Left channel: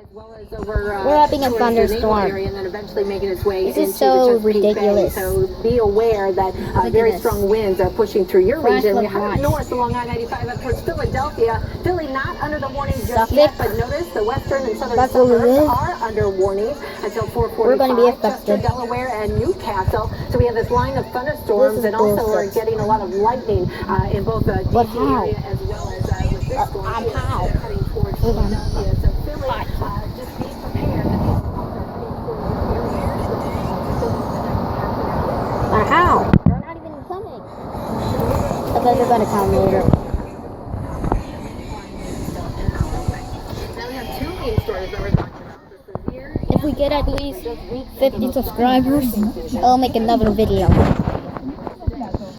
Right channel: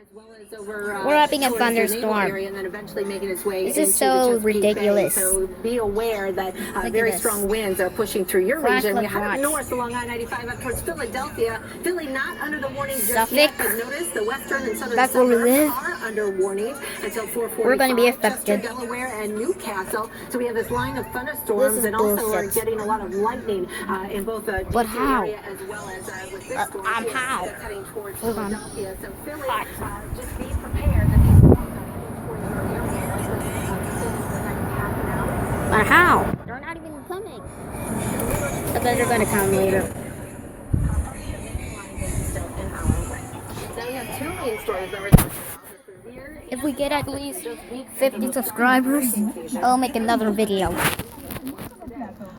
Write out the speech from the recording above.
as well as over We're having a towards the thunderstorm. area and then eventually making its way This is into so the Chesapeake Bay. ridiculous. So be aware that at very this. strong winds are pushing through your Flash region. We flood head watch. north along I-95 up towards Philadelphia. Philly not under the warning just Suffolk. yet, but notice the western and southern That's where we suburbs live. are under warning until 4:45. We're going to be affected. Chester, Delaware, and Newcastle. So we have this line of thunderstorms, and also we're bullshit. getting a lot of lightning in both the But DC how? area as well as with this storm here, how? heading towards Hold on. Philadelphia. So Philly, just be prepared that these storms are heading towards your area. But how? They're not even coming. I bet they're gonna come later. Now we have two main stories that we're talking about. If we get at least 50 subscribers, I'll make another video.